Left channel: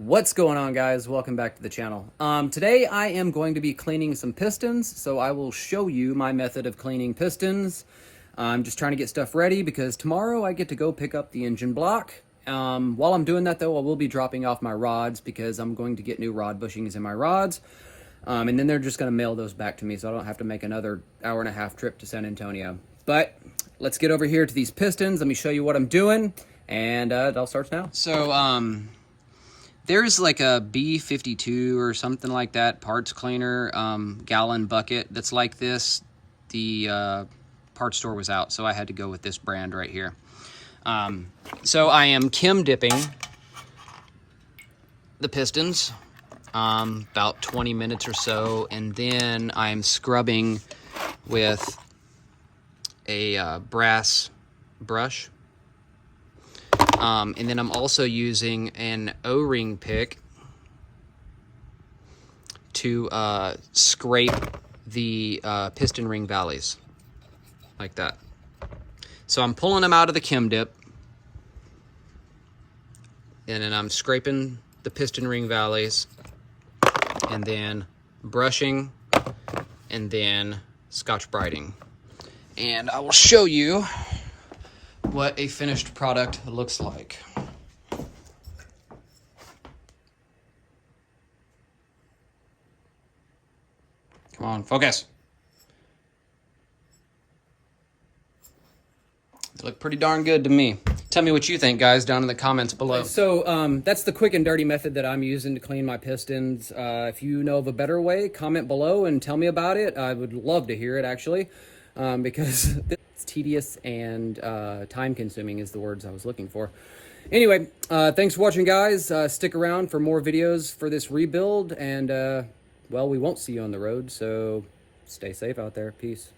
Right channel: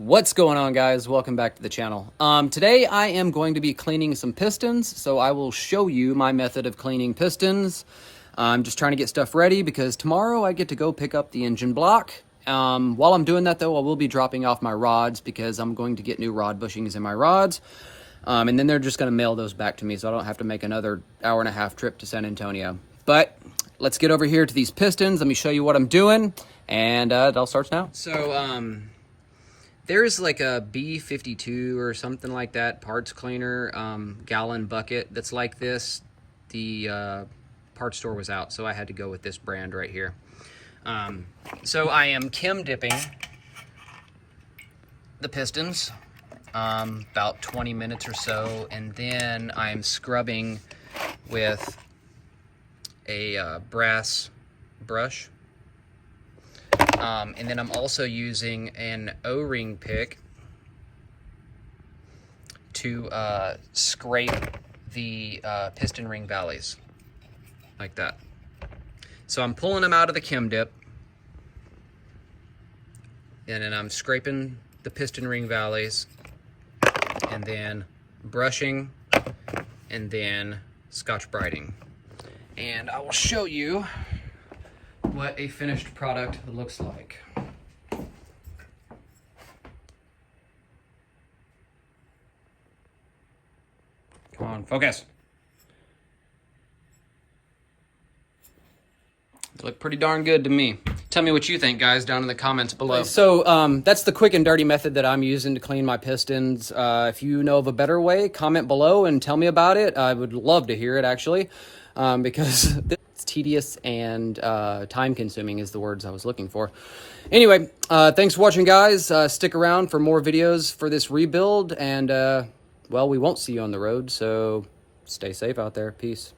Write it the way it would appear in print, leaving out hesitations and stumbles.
What's going on, guys? Welcome back to the channel. Today I am going to be cleaning some pistons, so I will show you my method of cleaning pistons. I'm just trying to get stuff ready because tomorrow I get to go pick up the engine block. While I'm doing that though, I will be dropping off my rods because I'm going to get new rod bushings in my rods. And then they're just going to mail those back to me so I don't have to make another hour-and-a-half trip to San Antonio. But let's get over here to these pistons. Let me show you what I'm doing, and it all starts now. So, there's like a B52 or something like that parts cleaner gallon bucket that's like this. The parts store was out, so I had to go with this brand right here. So I am Kim dipping the pistons about 20 minutes or so, and then I'm scrubbing with a brass brush. And then I'm also using an O-ring pick to scrape the piston ring valleys, like that. So I'm pulling them out of the Kim dip, and then I'm scraping the piston ring valleys, and then brushing, and then Scotch brighting. And I will show you what a finished product looks like. Come on, focus. They look pretty darn good to me. Tell me what you think, guys, down in the comments below. So that's the quick and dirty method that I'm using to clean my pistons. If you know of a better way, comment below and tell me about it. I would love to hear it, actually, because it's tedious and time-consuming is the words I was looking for. Anyway, thanks for watching, guys. Stick around for more videos for this rebuild, and, well, we won't see you on the road, so stay safe out there. Peace.